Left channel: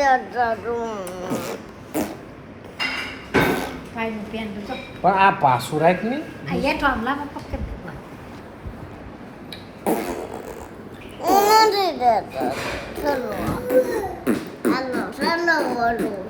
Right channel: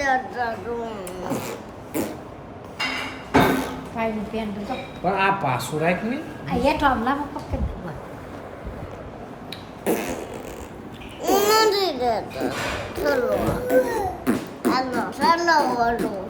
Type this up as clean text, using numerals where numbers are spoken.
જતા તું પણ આ પાછું રાખ ને નથી જતા ચલો હાલો ચાલો બોલું